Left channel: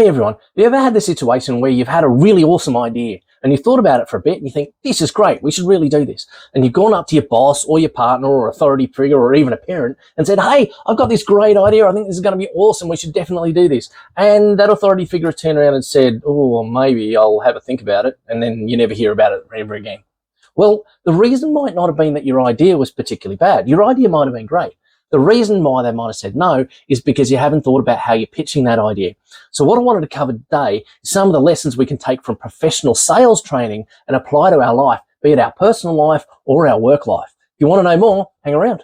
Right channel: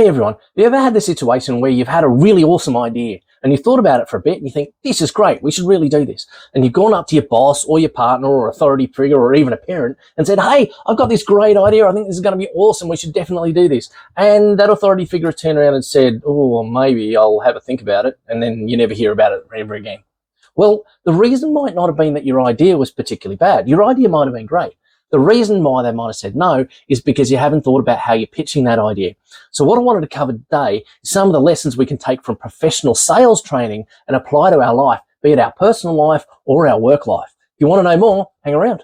Hey everyone, have you ever had this situation where you've had a really awesome idea and you've thought about it for a bit and you think, this is great, we should really do this. And you've gone up to your boss or your partner or authority figure or even a parent and said, hey, I've got this great idea, I think this is going to be awesome, we should definitely do this. And that authority figure has turned around and said, oh, well, maybe I'll have a think about it, and then you never hear about it ever again. Well, the reason might not have been that your idea was particularly bad. Your idea might have been great. The reason why they might have said no is because you haven't thought about how you're pitching that idea. So what I wanted to cover today is some of the lessons we can take from professional sales training and apply to our life, be it our personal life or our work life. If you want to know more, hang around.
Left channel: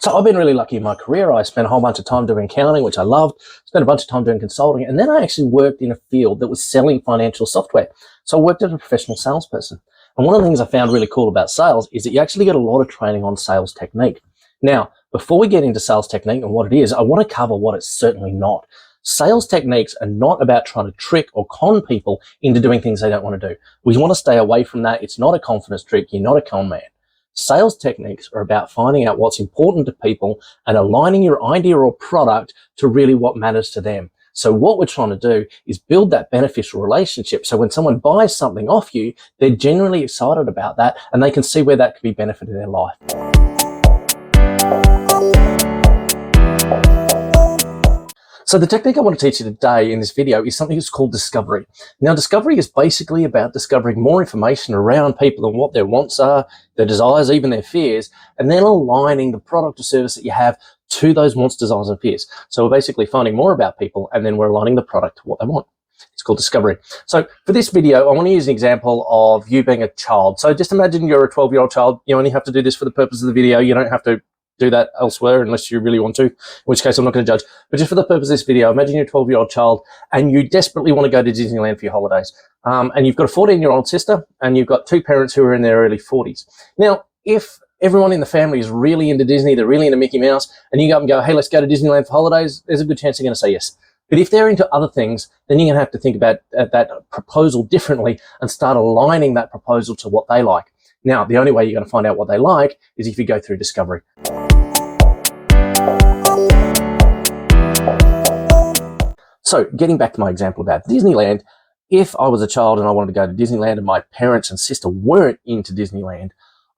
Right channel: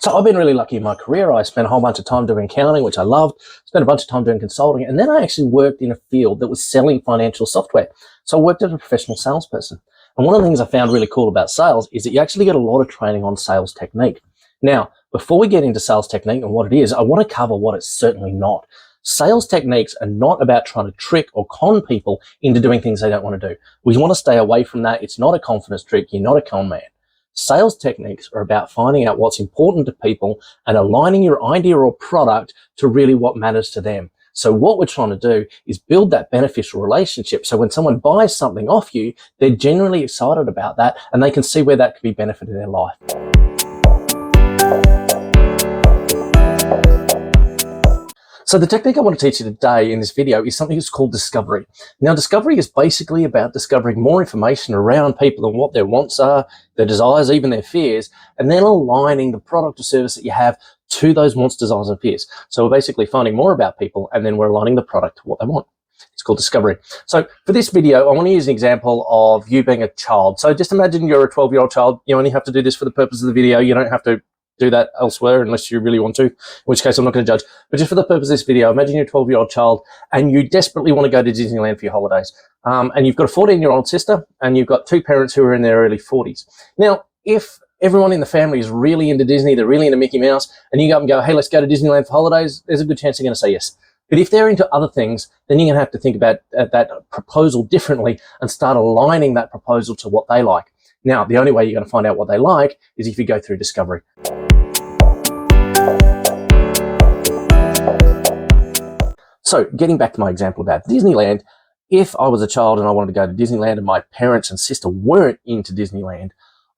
So I've been really lucky in my career. I spent a whole bunch of time doing accounting, which I loved. Spent a bunch of time doing consulting. And then I actually worked in a field that was selling financial software. So I worked as a professional salesperson. And one of the things I found really cool about sales is that you actually get a lot of training on sales technique. Now, before we get into sales technique and what it is, I want to cover what it's certainly not. Sales techniques are not about trying to trick or con people into doing things they don't want to do. We want to stay away from that. It's not a confidence trick. You're not a con man. Sales techniques are about finding out what's important to people and aligning your idea or product to really what matters to them. So what we're trying to do is build that beneficial relationship. So when someone buys something off you, they're generally excited about that and they can see where that could be benefiting their life. So the technique I want to teach you today in this video is something that's called discovery. Now, discovery is basically about discovering more information around people and what their wants are, their desires, even their fears, and then aligning the product or service that you have to those wants, desires, and fears. So we're basically finding more about people and then we're aligning the product to what they want. It's called discovery. So for this video, I want to use an example of you being a child. So just imagine you're a 12-year-old child. You only have to do this for the purpose of the video. You don't have to do that elsewhere unless you really want to, in which case I'm not going to judge. But just for the purpose of this video, imagine you're a 12-year-old child and you desperately want to go to Disneyland for your holidays. And you've got a 14-year-old sister and you've got two parents who are in their early 40s. Now, if everyone in the family is really into Disney, they're really into Mickey Mouse, and you go up and go, hey, let's go to Disneyland for holidays, there's a good chance they're going to say yes. But if they're into other things, then you're going to have to think about that proposal differently and start aligning that proposal to what they like. Now, the only way you're going to find out what they like is if you go through discovery. So getting back to my example about Disneyland, if I was a child and I wanted to go to Disneyland and my parents and sister weren't into Disneyland,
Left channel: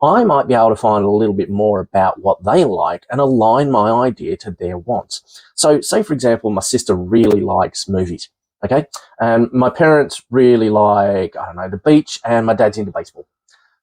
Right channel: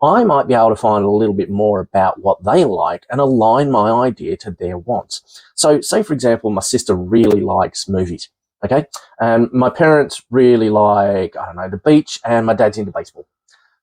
I might be able to find a little bit more about what they like and align my idea to their wants. So say, for example, my sister really likes movies, okay? And my parents really like, I don't know, the beach, and my dad's into baseball.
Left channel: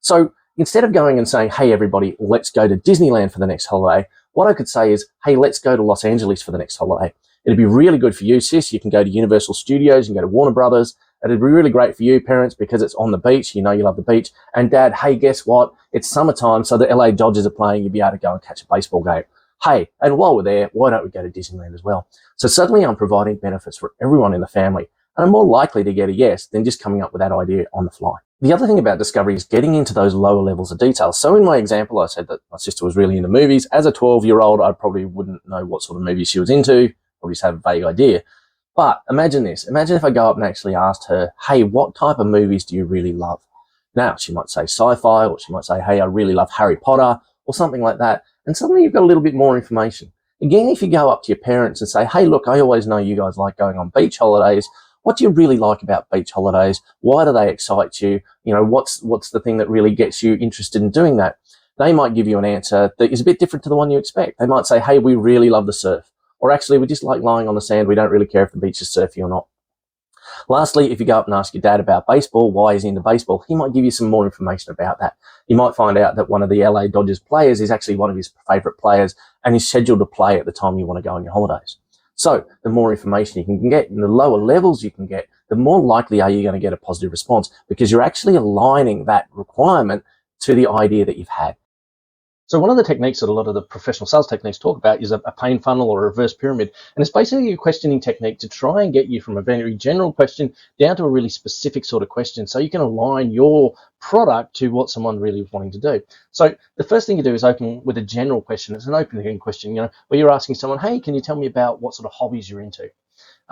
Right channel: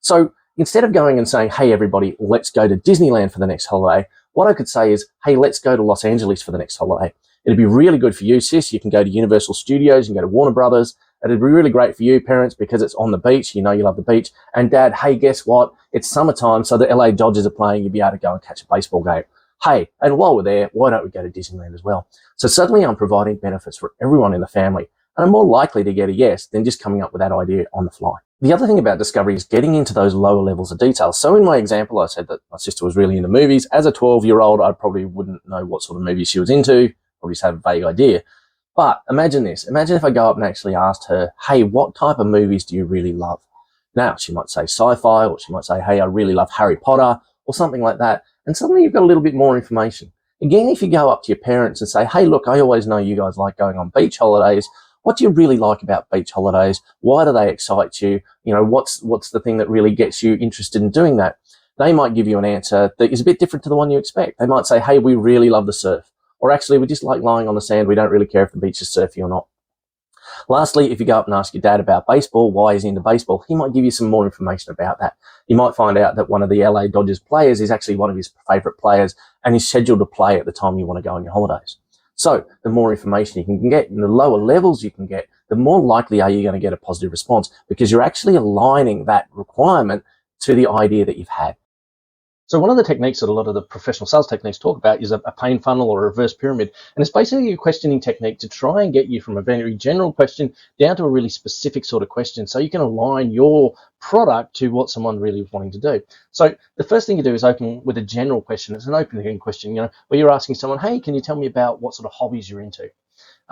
So instead of going and saying, hey, everybody, let's go to Disneyland for the next holiday, what I could say is, hey, let's go to Los Angeles for the next holiday. It'd be really good for you, sis. You can go to Universal Studios, you can go to Warner Brothers. It'd be really great for you, parents, because it's on the beach. You know you love the beach. And Dad, hey, guess what? It's summertime, so the LA Dodgers are playing. You'll be able to go and catch a baseball game. Hey, and while we're there, why don't we go to Disneyland as well? So suddenly I'm providing benefits for everyone in the family. And I'm more likely to get a yes than just coming up with that idea on the fly. The other thing about discovery is getting into those lower levels of detail. So in my example, I said that my sister was really into movies. As a 12-year-old, I probably wouldn't know what sort of movies she was into. Probably just had a vague idea. But imagine this. Imagine if I go up and actually asked her, hey, what type of movies do you really love? Now, she might say sci-fi, or she might say, hey, I really love Harry Potter, or something like that. And suddenly you've got a little bit more information. Again, if you go up to your parents and say, hey, look, I always know you guys like going on beach holidays. What do you really like about beach holidays? Why do they excite you? You know, what's the thing that really gets you interested in doing that? They might give you an answer that is a bit different to the one you expect. They might say, hey, we really love the surf. Or actually, we just like lying on the sand. We don't really care if the beach is surfy or not. Lastly, if you go up and ask your dad about baseball, why he's into baseball, he might give you some more information about that. You might find out that one of the LA Dodgers players is actually one of his favorite players and is scheduled to play at the time you want to go on your holidays. So the more information you can get and the lower levels you can get, the more likely are you going to get a positive response because you're actually aligning that requirement to the idea that you've had. So one of the techniques that a lot of the professional sales techniques talk about is a pain funnel or a reverse pyramid. And it's basically a questioning technique to try and get you from a very general question down to a really specific sort of question so you can align your product to what someone really is wanting to do. So the first thing you do is open with a general question. It's an open question, where you're asking someone, hey, can you tell me about what sort of hobbies you're into?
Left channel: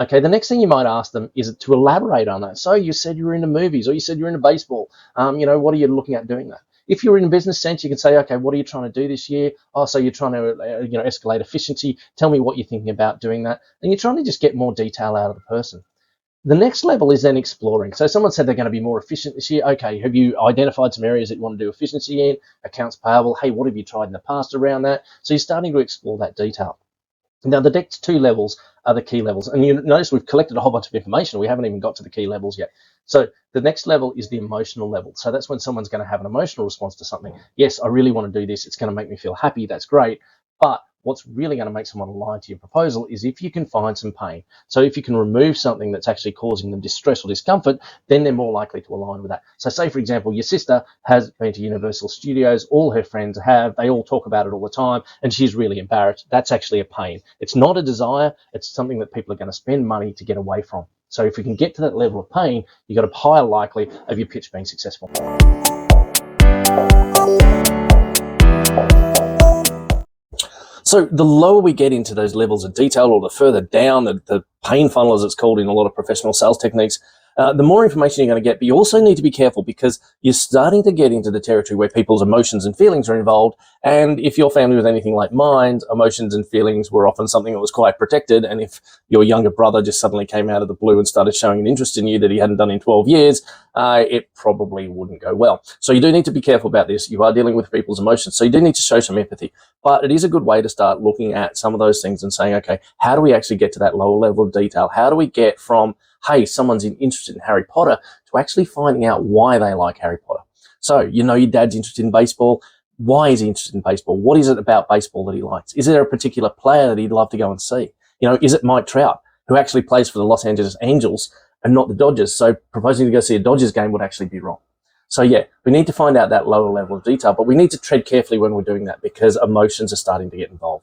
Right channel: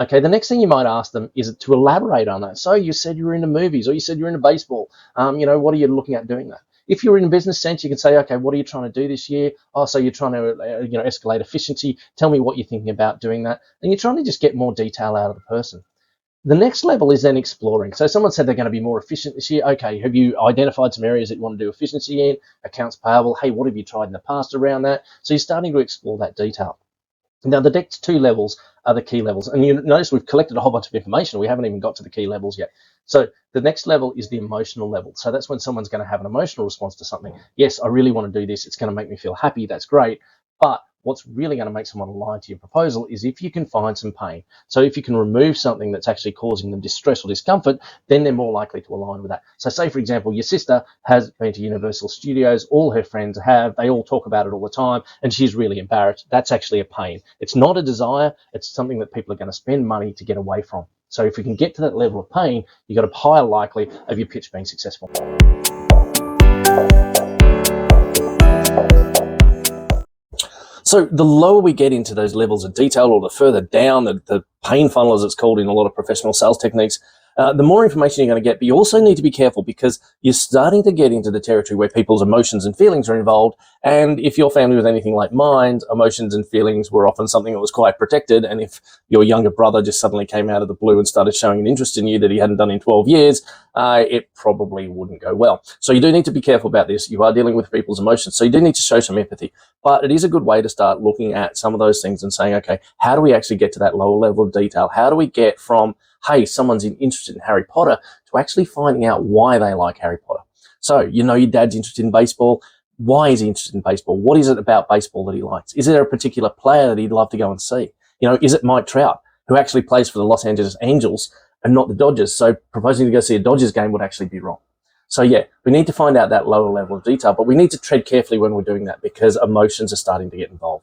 Okay, the next thing you might ask them is to elaborate on that. So you said you were into movies or you said you're into baseball. What are you looking at doing that? If you're in a business sense, you can say, okay, what are you trying to do this year? Oh, so you're trying to escalate efficiency. Tell me what you're thinking about doing that. And you're trying to just get more detail out of the person. The next level is then exploring. So someone said they're going to be more efficient this year. Okay, have you identified some areas that you want to do efficiency in? Accounts payable. Hey, what have you tried in the past around that? So you're starting to explore that detail. Now, the next two levels are the key levels. And you notice we've collected a whole bunch of information. We haven't even got to the key levels yet. So the next level is the emotional level. So that's when someone's going to have an emotional response to something. Yes, I really want to do this. It's going to make me feel happy. That's great. But what's really going to make someone align to your proposal is if you can find some pain. So if you can remove something that's actually causing them distress or discomfort, then they're more likely to align with that. So say, for example, your sister has been to Universal Studios, all her friends have, they all talk about it all the time, and she's really embarrassed. That's actually a pain. It's not a desire, it's something that people are going to spend money to get away from. So if we can get to that level of pain, you've got a higher likely of your pitch being successful. So the lower we get into those levels of detail, or the further down the pain funnel, as it's called in a lot of professional sales techniques, the more information you're going to get. But you also need to be careful, because you're starting to get into the territory where people's emotions and feelings are involved. And if your family was anything like mine, emotions and feelings were often something that was quite protected. And if your younger brother just suddenly came out of the blue and started showing an interest in you that he hadn't done in 12 years, it probably wouldn't go well. So you do need to be careful about this. You are dealing with people's emotions, so you do need to show some empathy. But it is a good way to start looking at some of those things and saying, okay, how do we actually get to that lower level of detail? How do we get from, hey, someone's interested in Harry Potter, to actually finding out why they like Harry Potter? So, your dad's interested in baseball. Why is he interested in baseball? What is it about baseball that he likes? Is there a particular player that he'd love to go and see? Is it Mike Trout, who actually plays for the Los Angeles Angels and not the Dodgers? So proposing to go see a Dodgers game would actually be wrong. So yeah, we need to find out that lower level of detail, but we need to tread carefully when we're doing that, because emotions are starting to get involved.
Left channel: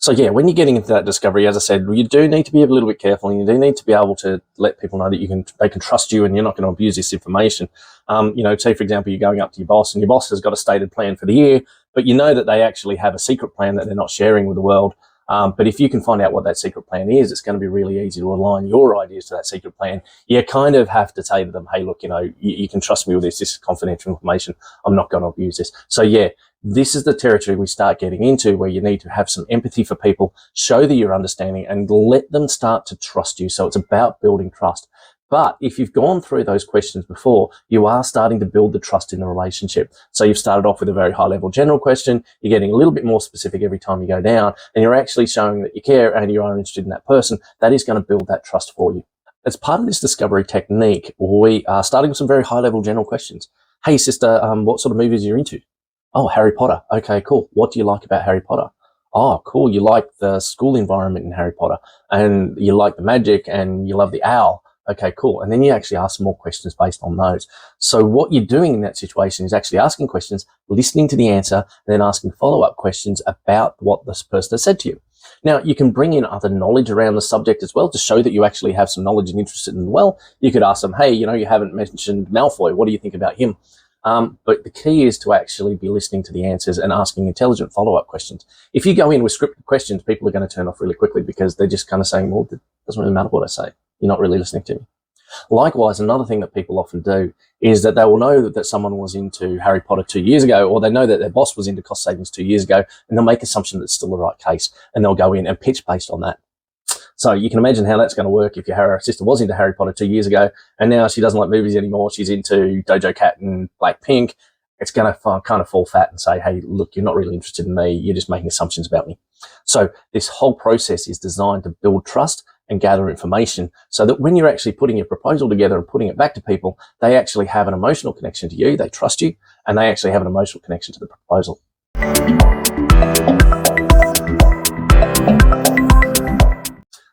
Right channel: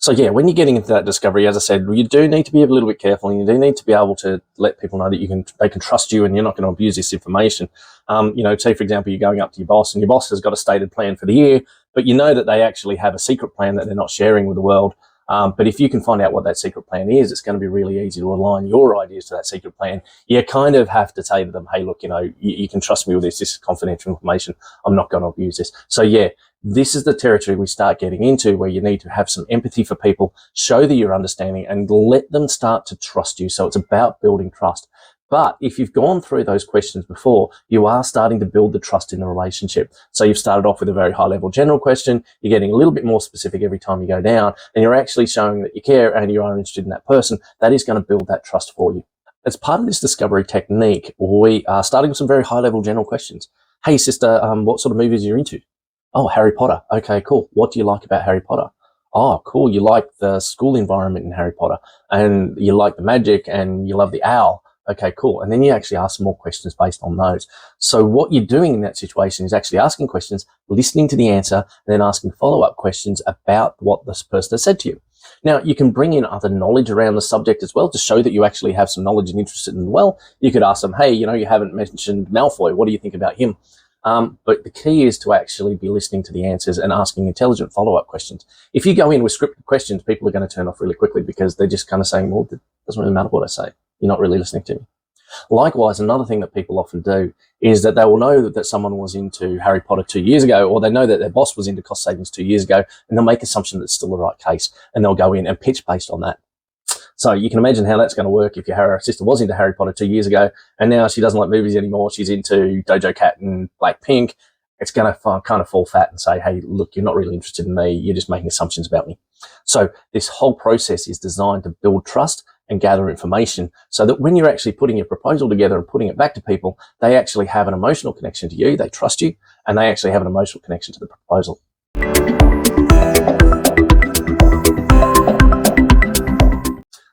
So yeah, when you're getting into that discovery, as I said, you do need to be a little bit careful, and you do need to be able to let people know that they can trust you, and you're not going to abuse this information. Say for example, you're going up to your boss, and your boss has got a stated plan for the year, but you know that they actually have a secret plan that they're not sharing with the world. But if you can find out what that secret plan is, it's going to be really easy to align your ideas to that secret plan. You kind of have to say to them, hey, look, you can trust me with this. This is confidential information. I'm not going to abuse this. So yeah, this is the territory we start getting into, where you need to have some empathy for people, show that you're understanding, and let them start to trust you. So it's about building trust. But if you've gone through those questions before, you are starting to build the trust in the relationship. So you've started off with a very high level general question. You're getting a little bit more specific every time you go down, and you're actually showing that you care and you are interested in that person. That is going to build that trust for you. As part of this discovery technique, we are starting with some very high level general questions. Hey sister, what sort of movies are you into? Oh, Harry Potter. Okay, cool. What do you like about Harry Potter? Oh, cool. You like the school environment in Harry Potter, and you like the magic, and you love the owl. Okay, cool. And then you actually ask some more questions based on those. So what you're doing in that situation is actually asking questions, listening to the answer, and then asking follow-up questions about what this person has said to you. Now, you can bring in other knowledge around the subject as well to show that you actually have some knowledge and interest in them. Well, you could ask them, hey, you haven't mentioned Malfoy. What do you think about him? But the key is to actually be listening to the answers and asking intelligent follow-up questions. If you go in with scripted questions, people are going to turn off really quickly, because they're just kind of saying, well, it doesn't really matter what I say. You're not really listening to me. Likewise, another thing that people often do is that they will know that someone was into Harry Potter 2 years ago, or they know that their boss was into cost savings 2 years ago, and they'll make assumption that it's still the right case, and they'll go in and pitch based on that. So you can imagine how that's going to work if your sister was into Harry Potter 2 years ago, and now she doesn't like movies anymore. She's into Dojo Cat and Blackpink. It's going to kind of fall fat and say, hey, look, you're not really interested in me. You're just making assumptions about me. So this whole process is designed to build trust and gather information, so that when you're actually putting your proposal together and putting it back to people, they actually have an emotional connection to you, they trust you, and they actually have an emotional connection to the proposal.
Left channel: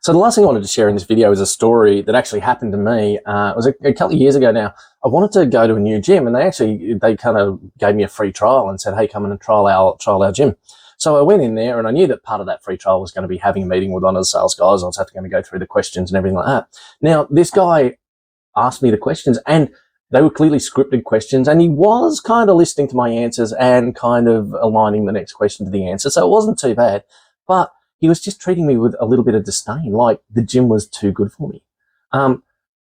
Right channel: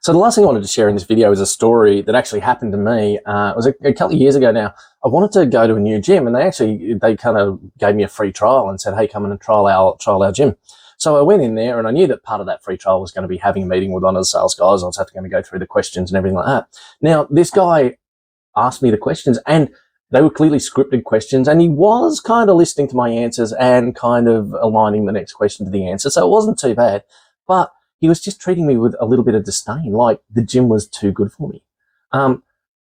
So the last thing I wanted to share in this video is a story that actually happened to me. It was a couple of years ago now. I wanted to go to a new gym, and they kind of gave me a free trial and said, hey, come in and trial our gym. So I went in there, and I knew that part of that free trial was going to be having a meeting with one of the sales guys. I was going to go through the questions and everything like that. Now, this guy asked me the questions, and they were clearly scripted questions, and he was kind of listening to my answers and kind of aligning the next question to the answer. So it wasn't too bad, but he was just treating me with a little bit of disdain, like the gym was too good for me.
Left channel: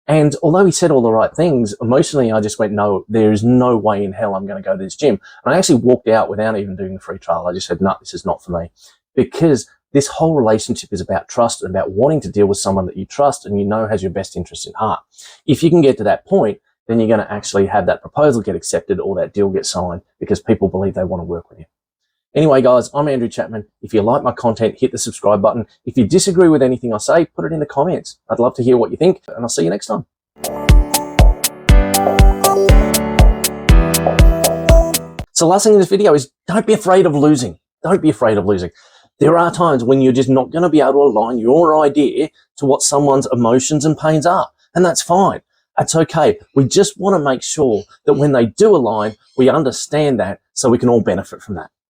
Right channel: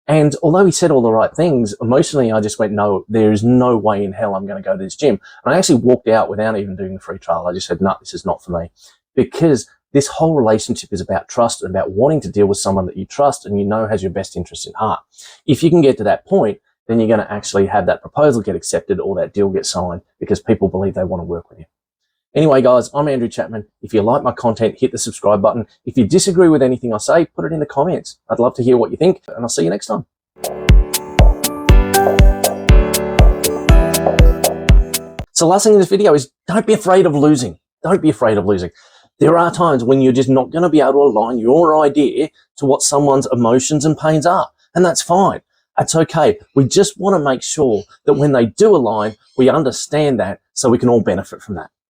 And although he said all the right things, emotionally, I just went, no, there is no way in hell I'm going to go to this gym. And I actually walked out without even doing the free trial. I just said, no, this is not for me. Because this whole relationship is about trust and about wanting to deal with someone that you trust and you know has your best interest in heart. If you can get to that point, then you're going to actually have that proposal get accepted or that deal get signed because people believe they want to work with you. Anyway, guys, I'm Andrew Chapman. If you like my content, hit the subscribe button. If you disagree with anything I say, put it in the comments. I'd love to hear what you think, and I'll see you next time. So last thing in this video is don't be afraid of losing. Don't be afraid of losing. There are times when you're just not going to be able to align your idea to what someone's emotions and pains are, and that's fine. That's okay. We just want to make sure that when they do align, we understand that so we can all benefit from that.